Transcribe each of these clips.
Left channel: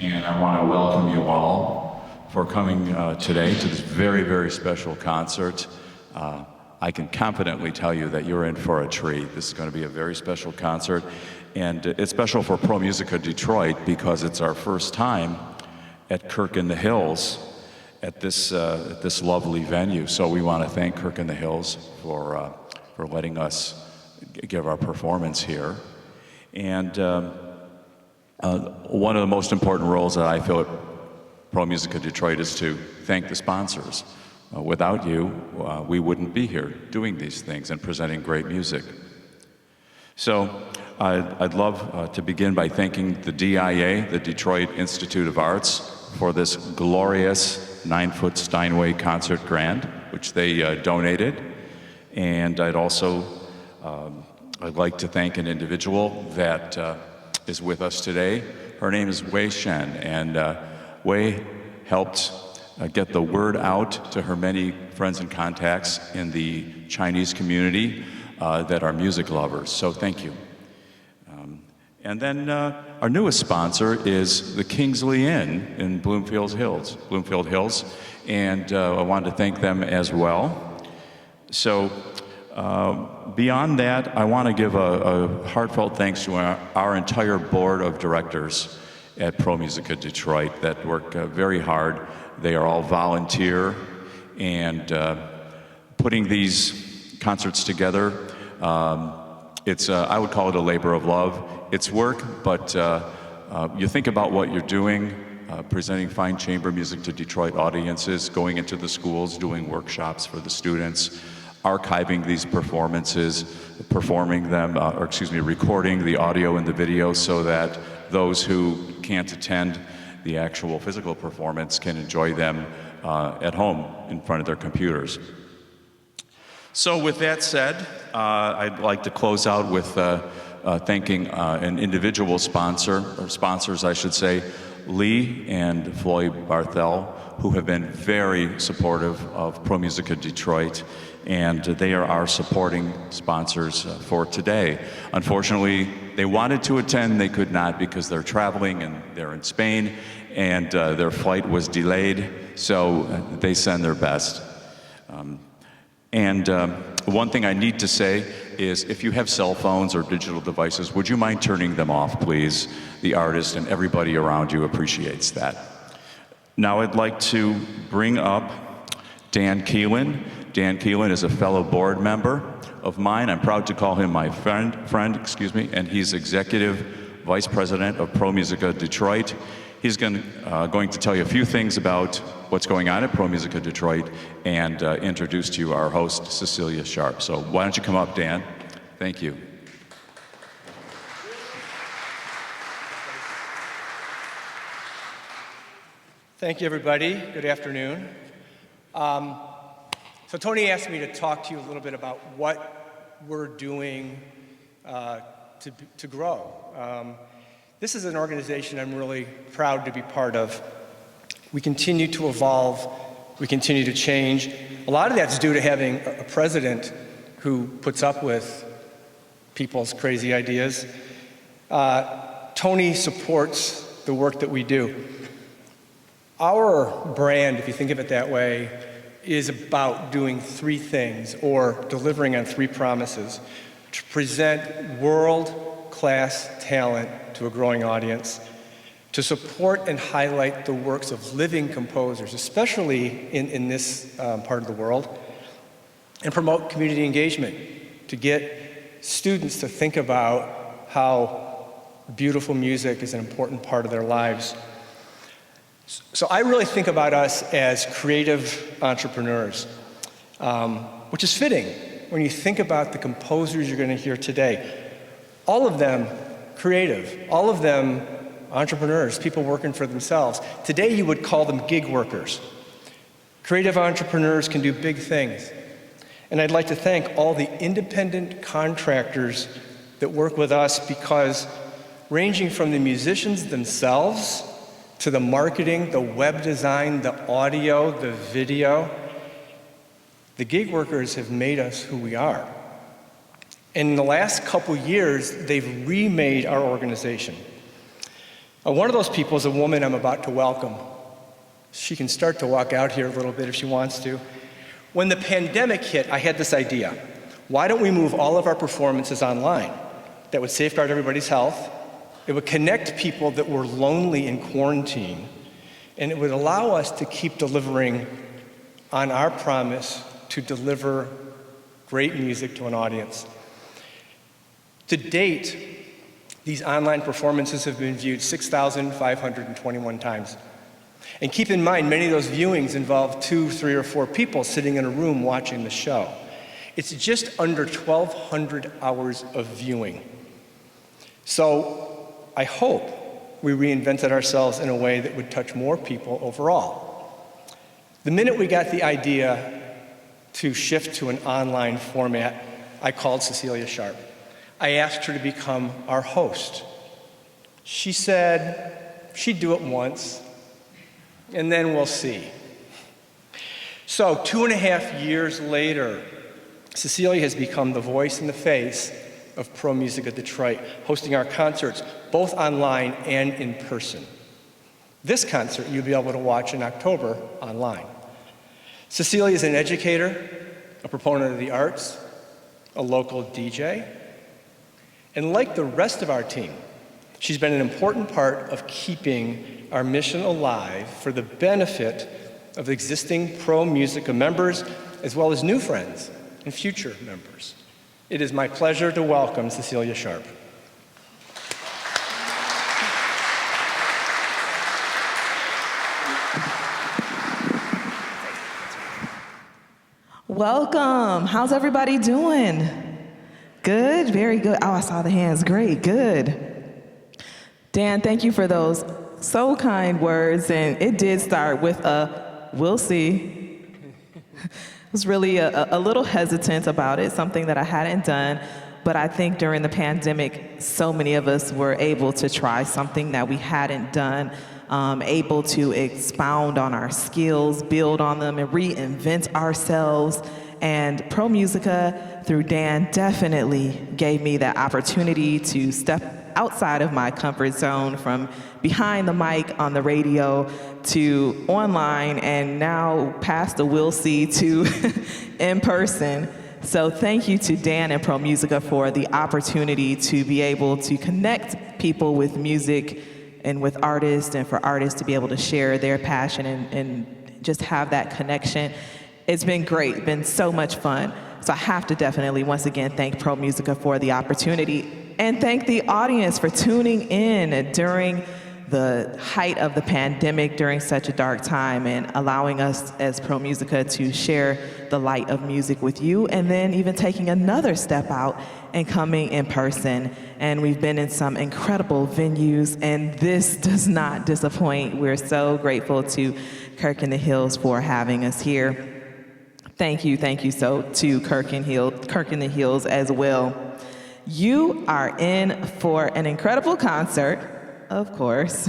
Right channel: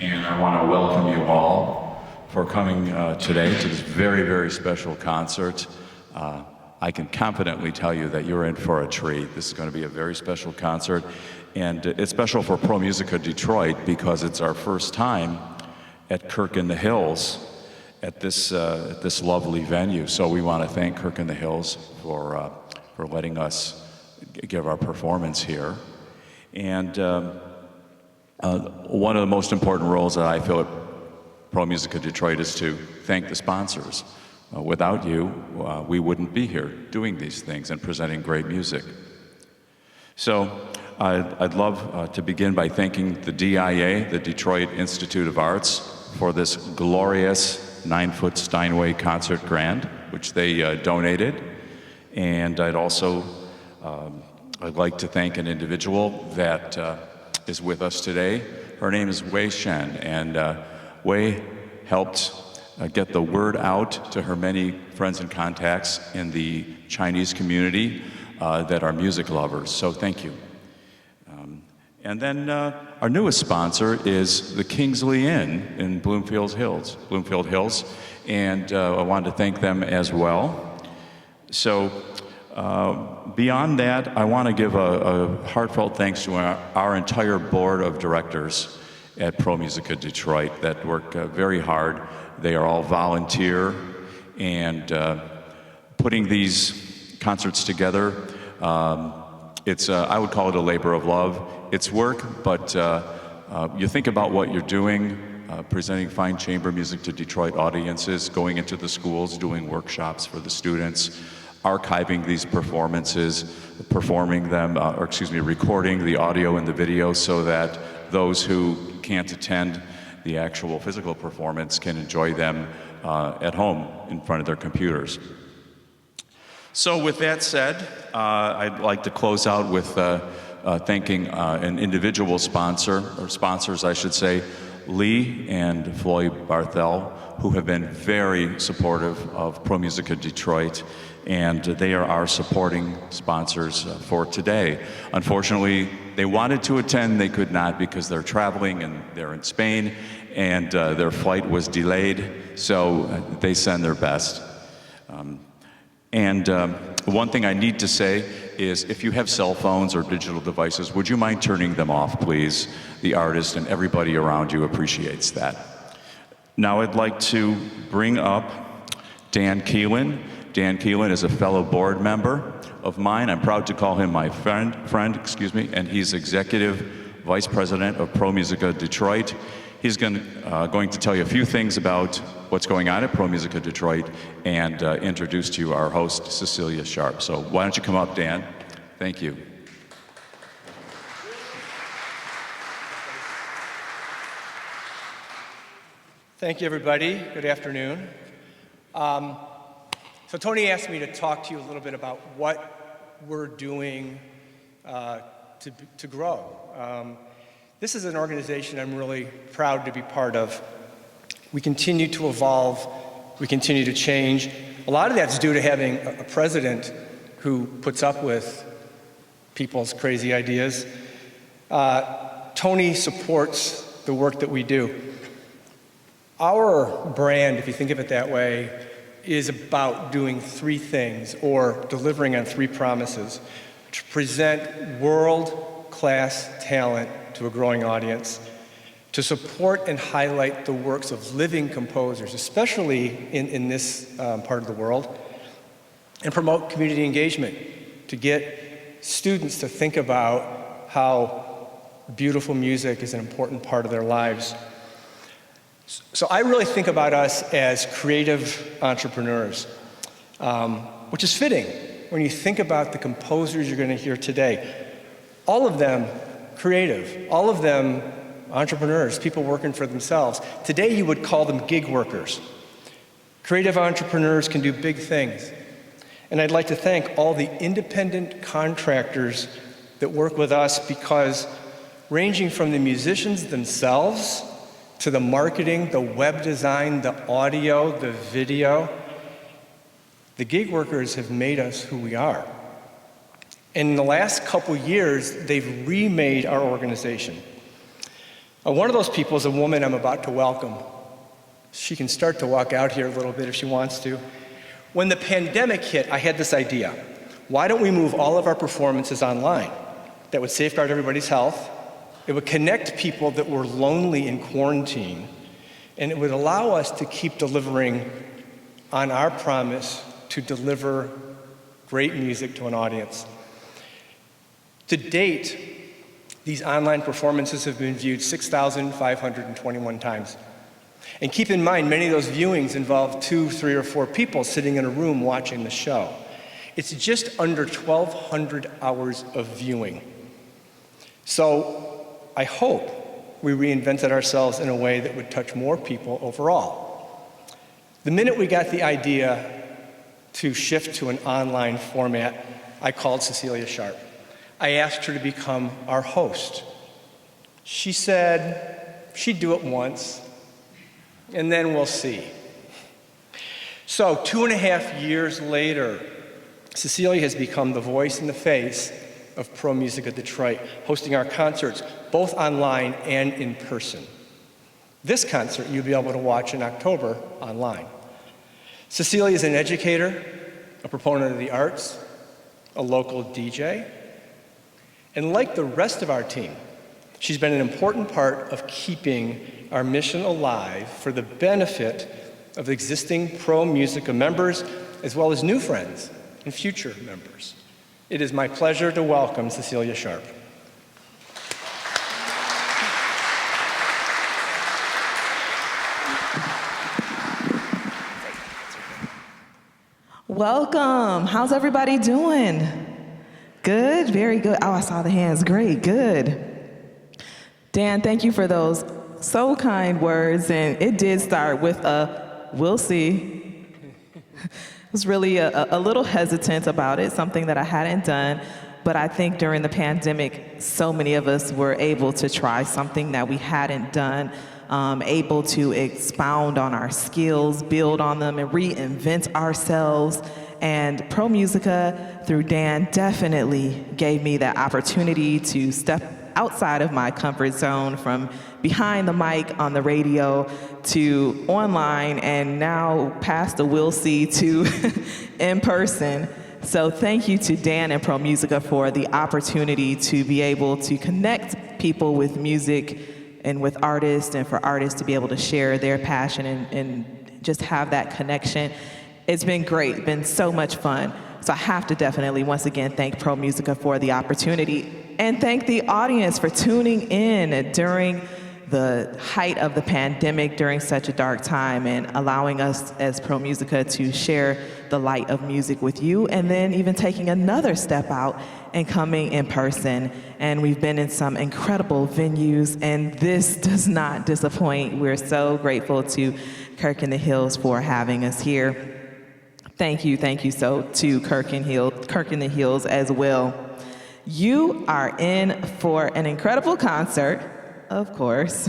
And I want to welcome you all for coming today to this very, very special concert. I can confidently tell you that you're in for a treat. This is going to be a very special concert, and it's special for ProMusica Detroit because it's our first time at Kirk in the Hills at this lovely venue. So we want to thank Kirk in the Hills for letting us give our performance here. And one of the most important roles that I feel at ProMusica Detroit is to thank the sponsors. Without you, we wouldn't be here doing these things and presenting great music. So I'd love to begin by thanking the DIA, the Detroit Institute of Arts, for this glorious 9-foot Steinway concert grande, which they donated. And I'd like to thank an individual that is with us today. Her name is Wei Shen, and Wei helped get the word out to her many friends and contacts in the Chinese community that are music lovers, so thank you. And then our newest sponsor is the Kingsley Inn in Bloomfield Hills, and I wanted to thank them as well. So beyond that, I want to give a heartfelt thanks to our entire board of directors at ProMusica Detroit that work very hard. They are all volunteer, and putting these concerts together, I would call it a labor of love. It's work, but you think about what you're doing, presenting fine chamber music to Detroit audiences, going into the schools, doing workshops for the students, archiving these performances, performing them, recording the audio and the video so that those who can't attend the actual physical performance can enjoy them at home in front of their computers. So with that said, I'd like to close out with thanking an individual sponsor, or sponsors I should say, Lee and Floyd Barthel, who have been very supportive of ProMusica Detroit, and they are our supporting sponsors for today. Unfortunately, they wanted to attend, they could not because they're traveling and they're in Spain, and their flight was delayed, so they send their best. One thing I need to say is if you have cell phones or digital devices, would you mind turning them off, please? The artist and everybody around you appreciates that. Now I'd like to bring up Dan Keelan. Dan Keelan is a fellow board member of mine. I'm proud to call him my friend, and he's Executive Vice President of ProMusica Detroit. He's going to tell you a few things about what's going on at ProMusica Detroit and introduce to you our host, Cecelia Sharpe. So why don't you come up, Dan? Thank you. Thank you, everybody. Good afternoon. So Tony asked me to talk to you a little bit about what we're doing to grow. This is an organization I'm really proud to be part of. We continue to evolve, we continue to change. A lot of that's due to having a president who puts up with people's crazy ideas. Tony supports the work that we do. Our brand, if you think of it that way, is about doing three things, or delivering on three promises: to present world-class talent to a growing audience, to support and highlight the works of living composers, especially in this part of the world, and promote community engagement, to get students to think about how beautiful music is an important part of their lives. So I really think about us as creative entrepreneurs, which is fitting when you think about the composers you're going to hear today. All of them creative, all of them entrepreneurs, people working for themselves. Today you would call them gig workers. Creative entrepreneurs can do big things. And I'd like to thank all the independent contractors that work with us, because ranging from the musicians themselves to the marketing, the web design, the audio, the video, the gig workers have made us who we are. And in the last couple years, they've remade our organization. One of those people is a woman I'm about to welcome. She can start to walk out here a little bit if she wants to. When the pandemic hit, I had this idea. Why don't we move all of our performances online? That would safeguard everybody's health. It would connect people that were lonely in quarantine. And it would allow us to keep delivering on our promise to deliver great music to an audience. To date, these online performances have been viewed 6,521 times. And keep in mind, many of those viewings involve 2, 3, or 4 people sitting in a room watching the show. It's just under 1,200 hours of viewing. So I hope we reinvented ourselves in a way that would touch more people overall. The minute we got the idea to shift to an online format, I called Cecelia Sharpe. I asked her to become our host. She said she'd do it once, and then we'll see. So 2.5 years later, Cecelia has become the voice and the face of ProMusica Detroit, hosting our concerts, both online and in person. This concert you'll be able to watch in October online. Cecelia is an educator, a proponent of the arts, a local DJ, and like the rest of our team, she's been an important part of keeping our mission alive for the benefit of existing ProMusica members, as well as new friends and future members. It is my pleasure to welcome Cecelia Sharpe. Welcome. How's everybody doing? Good, very good. Oh, I saw the hands. Great, good. Dan, thank you for those so kind words. And it did start with a, we'll see. I was really a little hesitant about it, something that I hadn't done. But I think during the pandemic, so many of us were able to try something that we hadn't done, able to expound on our skills, build on them, and reinvent ourselves. And ProMusica, through Dan, definitely gave me that opportunity to step outside of my comfort zone, from behind the mic on the radio to online, and now past the we'll see to in person. So thank you to Dan and ProMusica for the opportunity to be able to connect people with music and with artists, and for artists to be able to share their passion and just have that connection. It's been great, been so much fun. So I have to definitely, once again, thank ProMusica for the opportunity, and thank the audience for tuning in during the height of the pandemic, during such a dark time, and allowing us as ProMusica to share the light of music with you, and then even taking another step out and coming in person. And we've been in some incredible venues, and this does not disappoint. We're so grateful to Kirk in the Hills for having us here. Thank you so to Kirk in the Hills as well. You are in for an incredible concert, of course,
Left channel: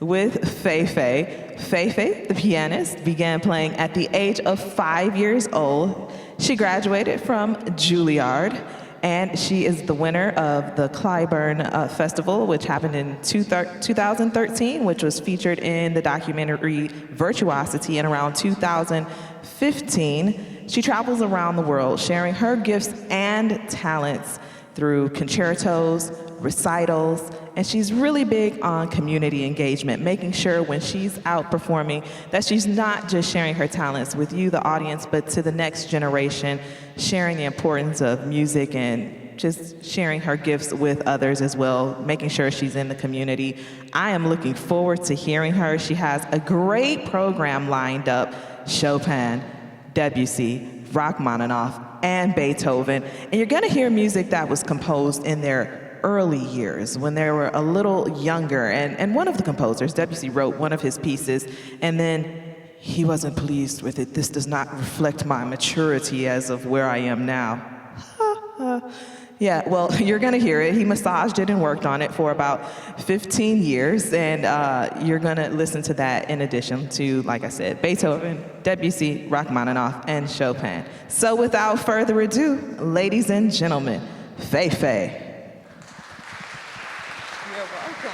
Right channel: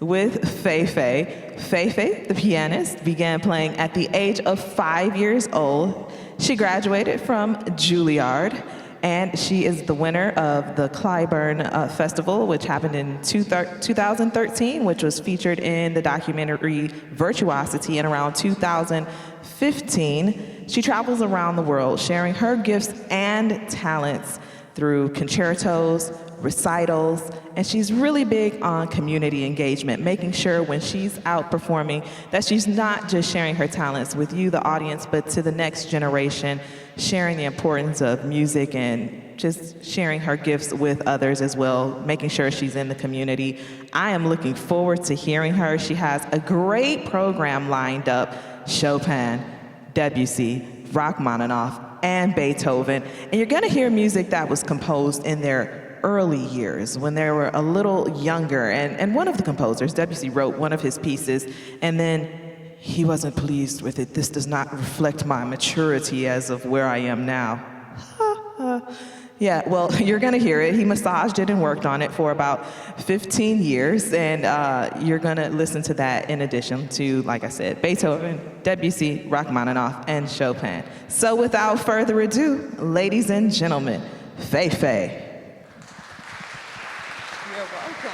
with Fei-Fei. Fei-Fei, the pianist, began playing at the age of 5 years old. She graduated from Juilliard, and she is the winner of the Clyburn Festival, which happened in 2013, which was featured in the documentary Virtuosity in around 2015. She travels around the world sharing her gifts and talents through concertos, recitals, and she's really big on community engagement, making sure when she's out performing that she's not just sharing her talents with you, the audience, but to the next generation, sharing the importance of music and just sharing her gifts with others as well, making sure she's in the community. I am looking forward to hearing her. She has a great program lined up: Chopin, Debussy, Rachmaninoff, and Beethoven. And you're gonna hear music that was composed in their early years, when they were a little younger. And one of the composers, Debussy, wrote one of his pieces, and then he wasn't pleased with it. This does not reflect my maturity as of where I am now. Yeah, well, you're gonna hear it. He massaged it and worked on it for about 15 years, and you're gonna listen to that in addition to, like I said, Beethoven, Debussy, Rachmaninoff, and Chopin. So without further ado, ladies and gentlemen, Fei-Fei. You're welcome.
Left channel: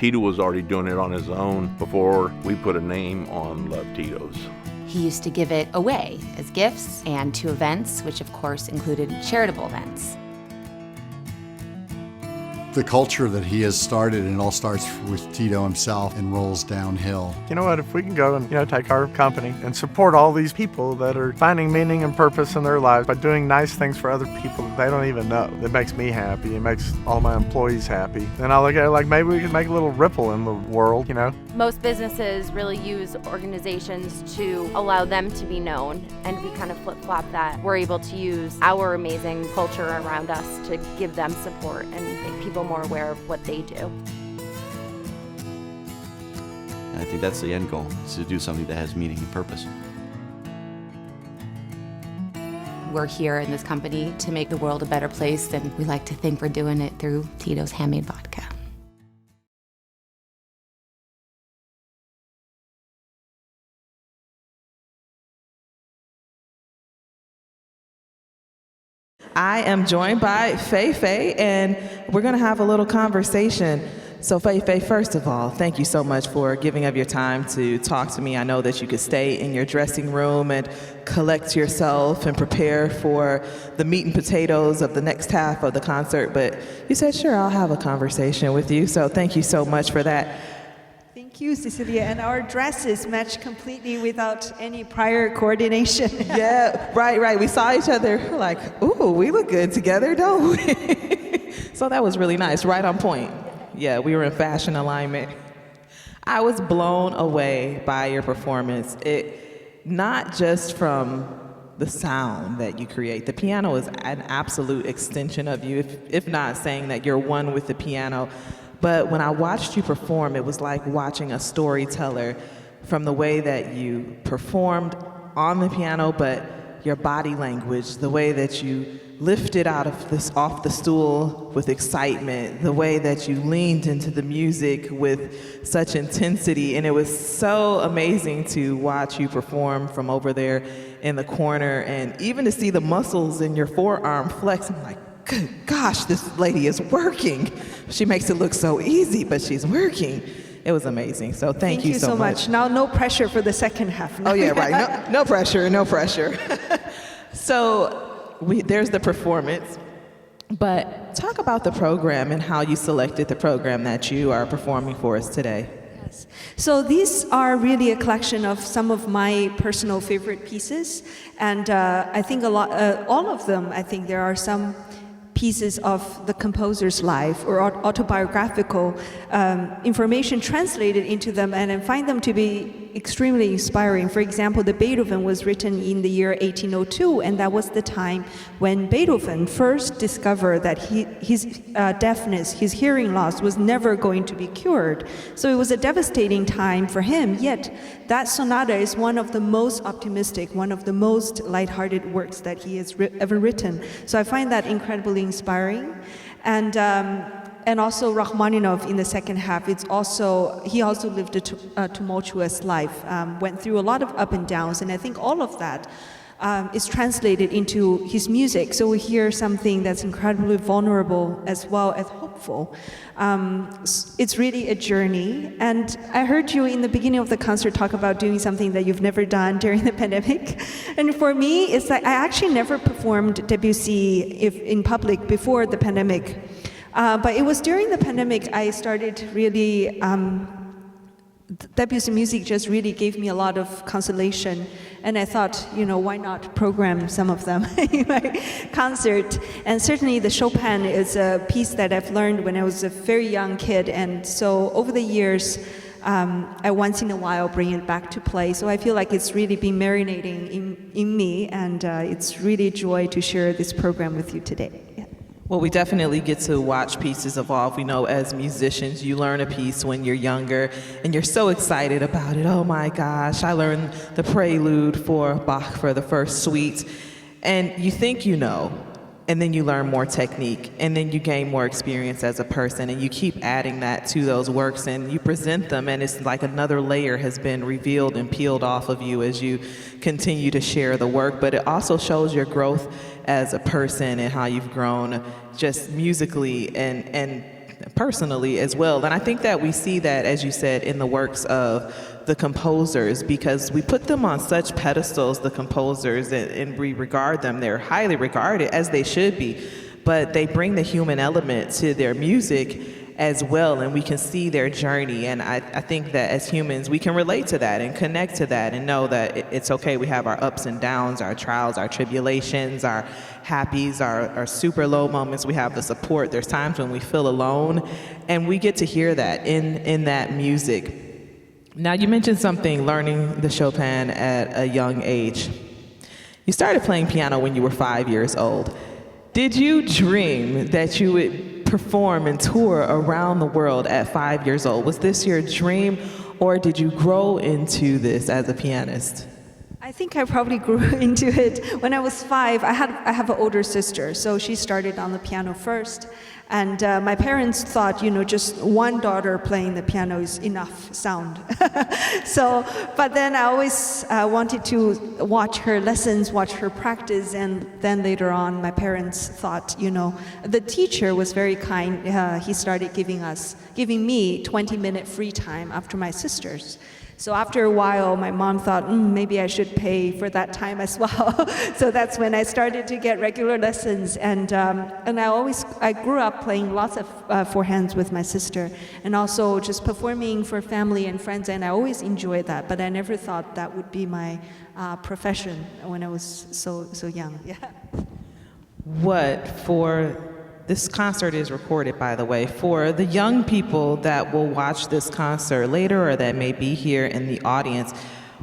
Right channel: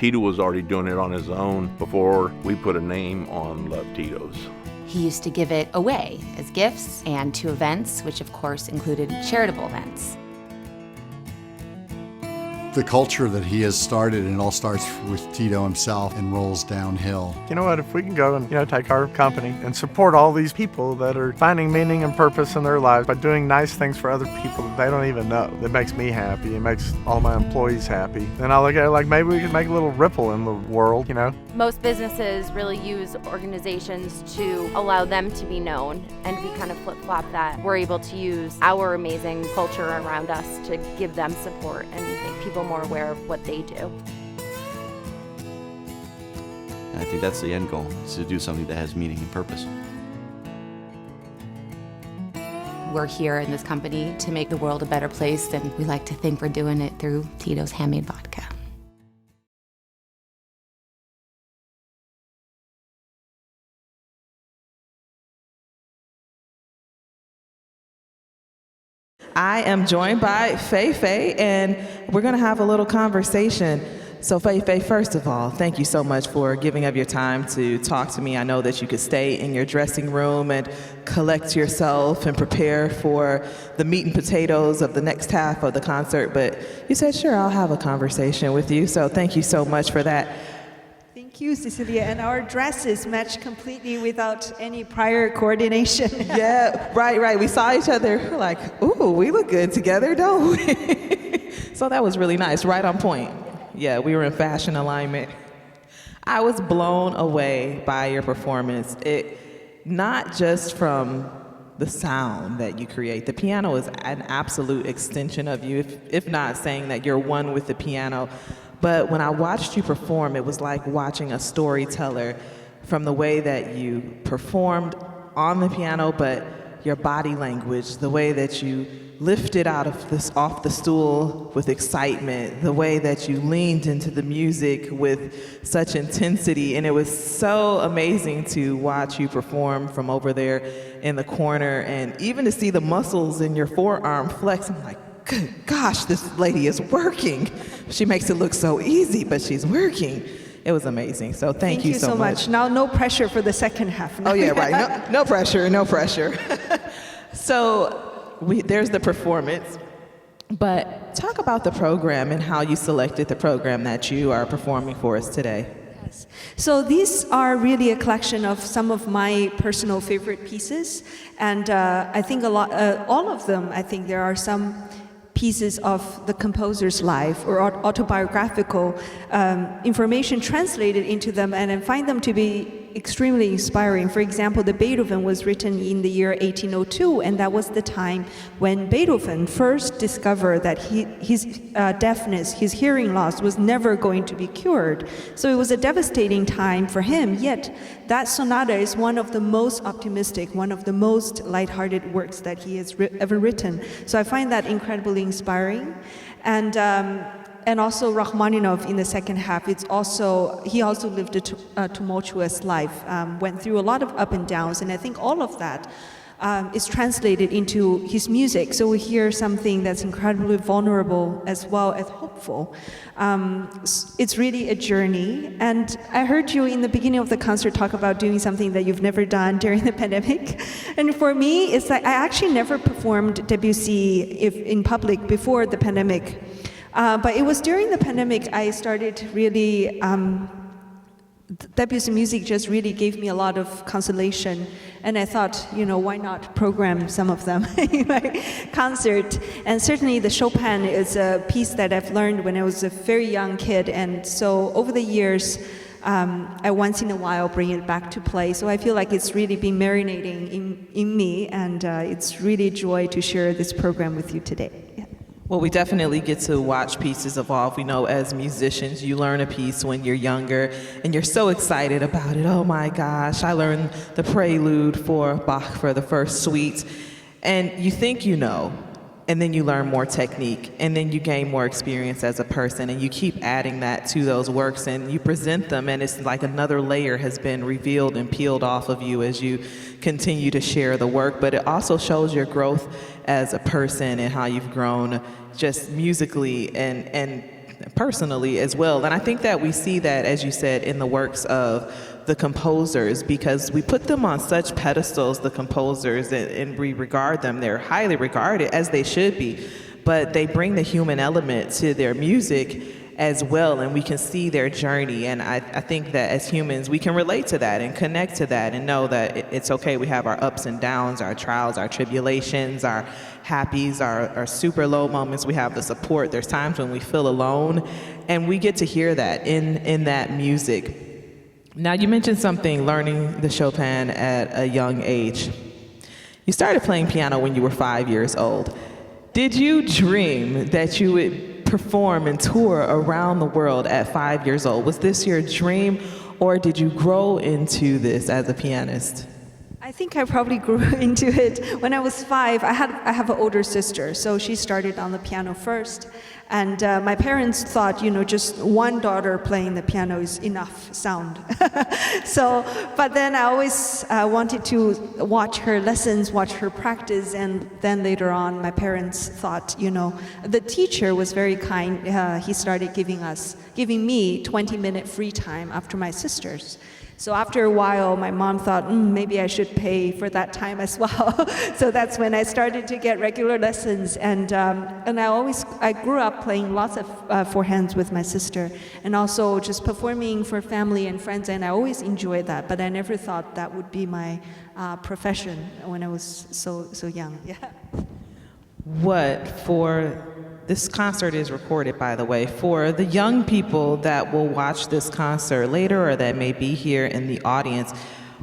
Tito was already doing it on his own before we put a name on Love Tito's. He used to give it away as gifts and to events, which of course included charitable events. The culture that he has started, and it all starts with Tito himself and rolls downhill. You know what, if we can go and, take our company and support all these people that are finding meaning and purpose in their lives by doing nice things for other people that they don't even know, it makes me happy, it makes all my employees happy. And I look at it like maybe we can make a little ripple in the world, Most businesses really use organizations to allow them to be known, and we kind of flip-flop that. We're able to use our amazing culture around us to give them support and make people more aware of what they do. I think that's the end goal, is to do something that has meaning and purpose. We're here in this company to make the world a better place, and we like to think we're doing it through Tito's handmade vodka. I am joined by Fei-Fei, and we're going to have a little conversation. So Fei-Fei, first of all, thank you so much for giving up your time to talk to me. I know that you could stay in your dressing room and collect yourself and prepare for the meat and potatoes of the next half of the concert, but you said, sure, I'll have a conversation with you. So thank you so much for that. Thank you, Cecelia. And our dresses match completely without any prior coordination. Yeah, right. We saw each other. We're like, ooh, we look good together, don't we? So that was really nice, right on point. Yeah, we were in fashion alignment. I was blown away by your performance. Not just from the sound that you create. The piano is an absolute extension of you, if not saying that you're one with the piano. But when I watched you perform, it was like watching a storyteller, from the way that you performed on the piano, but your body language, the way that you lifted off the stool with excitement, the way that you leaned into the music with such intensity. And it was so amazing to watch you perform from over there in the corner, and even to see the muscles in your forearm flex. I'm like, good gosh, this lady is working. She makes it look so easy, but she's working. It was amazing. So thank you so much. Now, no pressure for the second half. Oh, yeah, right. No pressure, no pressure. So there's the performance. But talk about the program and how you selected the program that you are performing for us today. Yes. So these are really a collection of some of my personal favorite pieces. And I think all of them, I think there are some pieces of the composer's life or autobiographical information translated into them, and I find them to be extremely inspiring. For example, the Beethoven was written in the year 1802, and that was the time when Beethoven first discovered that his deafness, his hearing loss, was never going to be cured. So it was a devastating time for him, yet that sonata is one of the most optimistic, one of the most lighthearted works that he has ever written. So I find that incredibly inspiring. And also Rachmaninoff in the second half, he also lived a tumultuous life, went through a lot of up and downs, and I think all of that is translated into his music. So we hear something that's incredibly vulnerable as well as hopeful. It's really a journey, and I heard you in the beginning of the concert talk about doing something that you've never done during the pandemic. And for me, it's like I actually never performed Debussy in public before the pandemic. But it was during the pandemic I started really, Debussy music just really gave me a lot of consolation. And I thought, why not program some of them in my concert? And certainly the Chopin is a piece that I've learned when I was a very young kid. And so over the years, I once in a while bring it back to play. So I feel like it's really been marinating in me. And it's really a joy to share this program with you today. Well, we definitely get to watch pieces evolve. We know as musicians, you learn a piece when you're younger, and you're so excited about it. Oh my gosh, I learned the prelude for Bach for the first suite. And you think you know, and then you learn more technique, and then you gain more experience as a person, and you keep adding that to those works, and you present them, and it's like another layer has been revealed and peeled off of you as you continue to share the work. But it also shows your growth as a person and how you've grown just musically and personally as well. And I think that we see that, as you said, in the works of the composers, because we put them on such pedestals, the composers, and we regard them, they're highly regarded, as they should be, but they bring the human element to their music as well, and we can see their journey. And I think that as humans, we can relate to that and connect to that and know that it's okay. We have our ups and downs, our trials, our tribulations, our happies, our super low moments. We have the support. There's times when we feel alone, and we get to hear that in that music. Now, you mentioned something, learning the Chopin at a young age. You started playing piano when you were 5 years old. Did you dream that you would perform and tour around the world at 5 years old? Was this your dream, or did you grow into this as a pianist? I think I probably grew into it when I was 5. I have an older sister, so she started on the piano first. And my parents thought, just one daughter playing the piano is enough sound. But then I always wanted to watch her lessons, watch her practice, and then later on, my parents thought, the teacher was very kind. He started giving me 20-minute free time after my sisters. So after a while, my mom thought, maybe I should pay for that time as well. So that's when I started to get regular lessons. And I grew up playing lots of four hands with my sister, and also just performing for family and friends. And I always enjoyed that, but I never thought that would be my profession when I was so young. Yeah. This concert is recorded, by the way. For the young people that will watch this concert later or that may be here in the audience,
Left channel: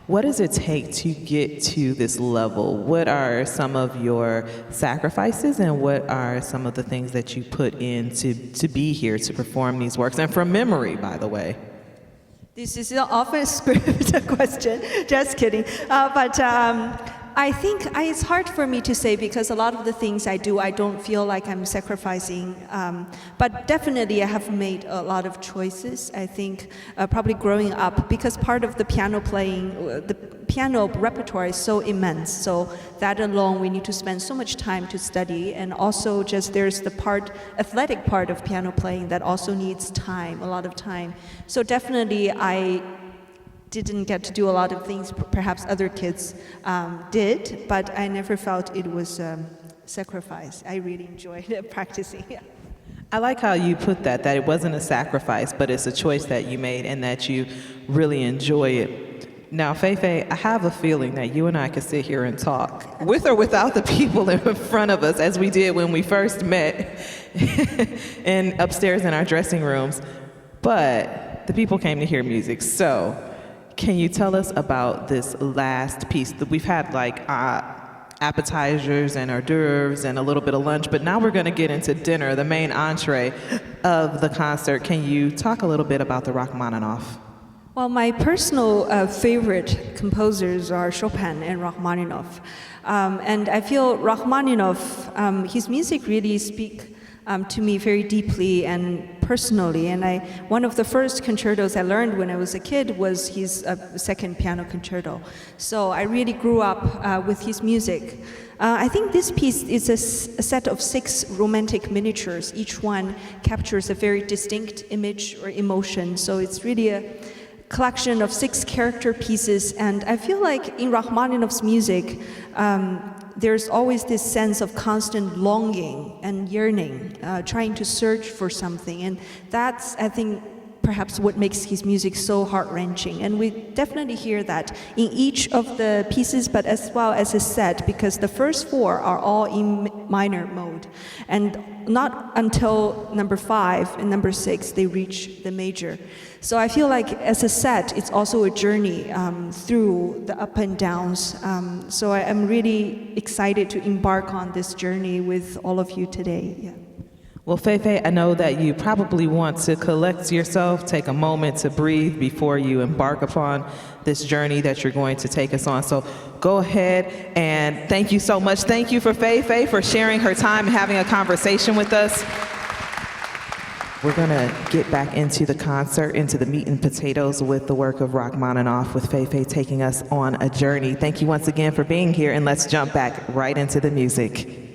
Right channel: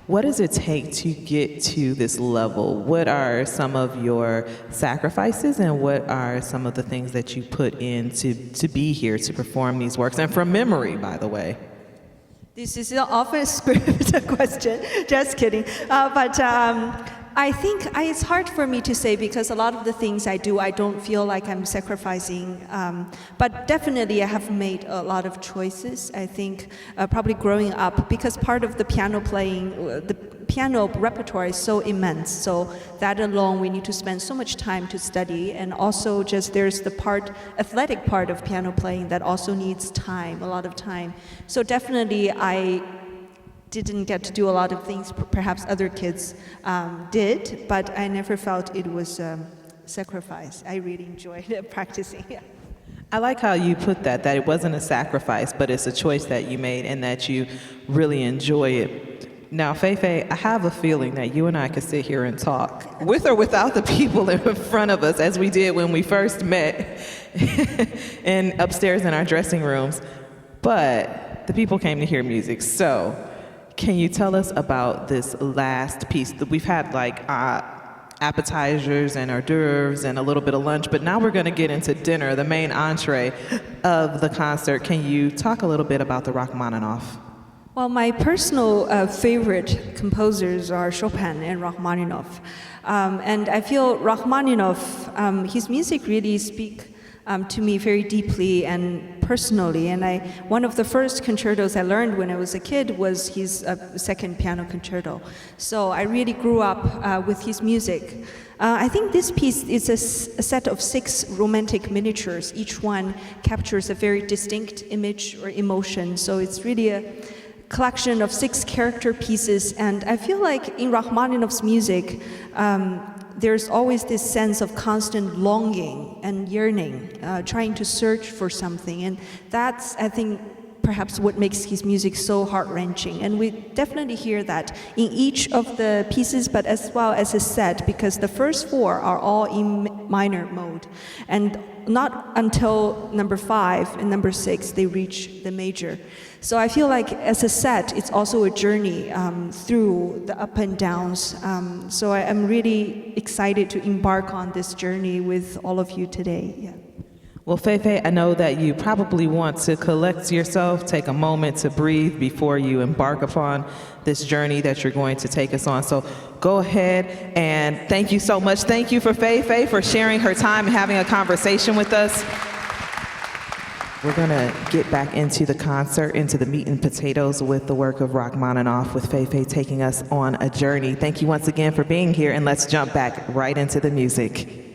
what does it take to get to this level? What are some of your sacrifices, and what are some of the things that you put in to be here to perform these works? And from memory, by the way. This is often a scripted question. Just kidding. I think it's hard for me to say, because a lot of the things I do, I don't feel like I'm sacrificing. But definitely I have made a lot of choices. I think probably growing up, because part of the piano playing, the piano repertoire is so immense. So that alone, we need to spend so much time to study. And also just there's the athletic part of piano playing that also needs time, a lot of time. So definitely I didn't get to do a lot of things perhaps other kids did, but I never felt it was sacrifice. I really enjoyed practicing. Yeah. I like how you put that it wasn't a sacrifice, but it's a choice that you made and that you really enjoy it. Now, Fei-Fei, I have a feeling that you and I could sit here and talk, with or without the people in front of us, as we did when we first met and upstairs in our dressing rooms, but the people came to hear music. So can you tell us about this last piece? We've had appetizers and hors d'oeuvres and a little bit of lunch, but now we're going to get into dinner, the main entree of the concert. Can you talk a little bit about the Rachmaninoff? Well, my personal favorite composers are Chopin and Rachmaninoff. And I feel Rachmaninoff, his music really speak to me very deeply and personally. And one of the first concertos I learned when I was a kid was his second piano concerto. So I really grew up with his music. I think this piece is a set of 6 romantic miniatures. Each one captures a very distinct image or emotion. So it's really a collection of 6 character pieces. And I feel like in Rachmaninoff's music, there's always this sense of constant longing and yearning, trying to search for something. And that's, I think, perhaps what makes his music so heart-wrenching. And we definitely hear that in each of the pieces, but as well as a set, because the first 4 are all in minor mode. And not until number 5 and number 6 they reach the major. So I feel like as a set, it's also a journey through the up and downs. So I'm really excited to embark on this journey with all of you today. Yeah. Well, Fei-Fei, I know that you probably want to collect yourself, take a moment to breathe before you embark upon this journey that you're going to take us on. So go ahead, and thank you so much. Thank you for Fei-Fei for sharing her time and having a conversation with us. We're going to get back into the concert, into the meat and potatoes with the work of Rachmaninoff, with Fei-Fei taking us on a journey. Thank you once again for being here, and let's jump back right into the music.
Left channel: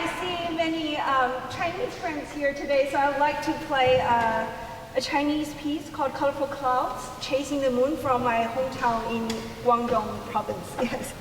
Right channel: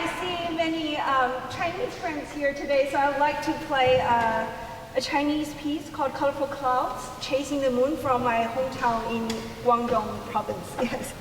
I see many Chinese friends here today, so I would like to play a Chinese piece called Colorful Clouds, Chasing the Moon from my hometown in Guangdong province. Yes.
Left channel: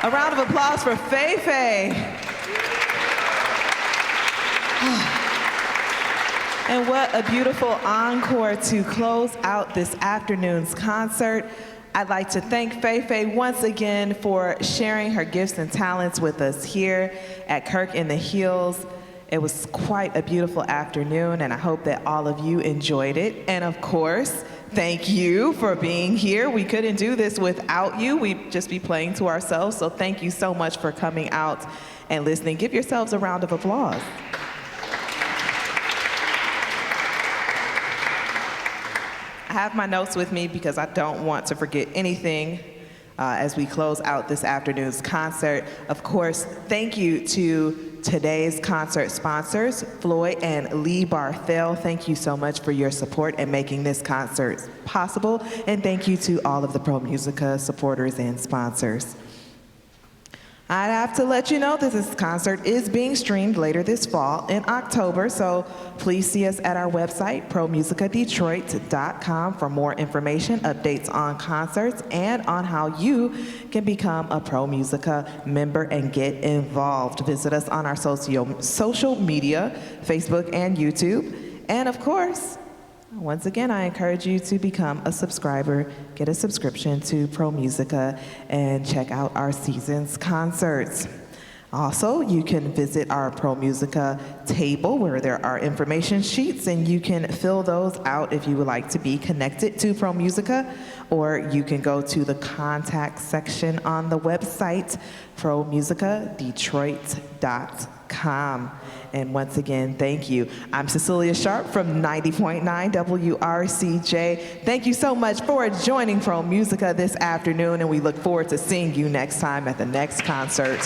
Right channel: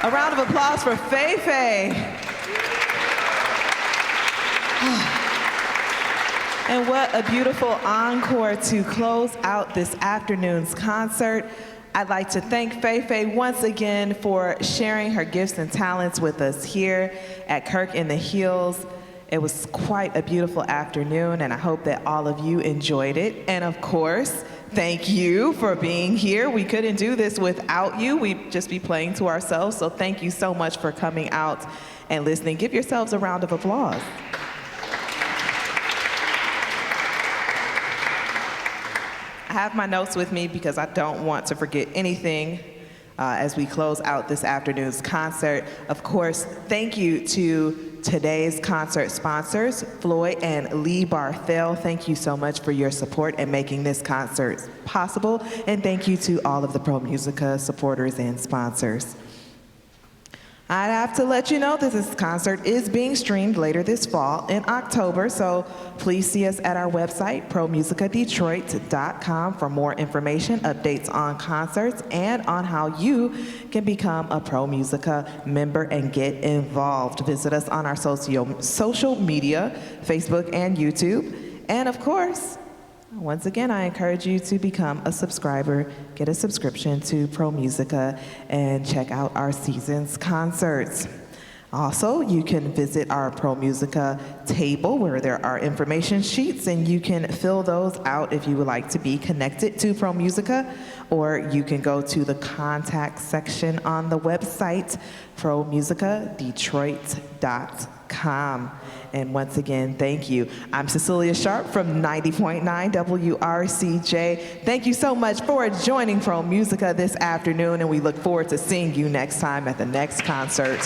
A round of applause for Fei-Fei. And what a beautiful encore to close out this afternoon's concert. I'd like to thank Fei-Fei once again for sharing her gifts and talents with us here at Kirk in the Hills. It was quite a beautiful afternoon, and I hope that all of you enjoyed it. And of course, thank you for being here. We couldn't do this without you. We'd just be playing to ourselves. So thank you so much for coming out and listening. Give yourselves a round of applause. I have my notes with me because I don't want to forget anything as we close out this afternoon's concert. Of course, thank you to today's concert sponsors, Floyd and Lee Barthel. Thank you so much for your support and making this concert possible. And thank you to all of the ProMusica supporters and sponsors. I'd have to let you know that this concert is being streamed later this fall in October, so please see us at our website, ProMusicaDetroit.com, for more information, updates on concerts, and on how you can become a ProMusica member and get involved. Visit us on our social media, Facebook and YouTube. And of course, once again, I encourage you to become a subscriber, get a subscription to ProMusica, and check out our season's concerts. Also, you can visit our ProMusica table where there are information sheets, and you can fill those out if you would like to be connected to ProMusica, or you can go to the contact section on the website, ProMusicaDetroit.com. And once again, thank you. I'm Cecelia Sharpe from 90.9 WRCJ. Thank you so much for joining ProMusica this afternoon, and we look forward to seeing you next time at the next concert.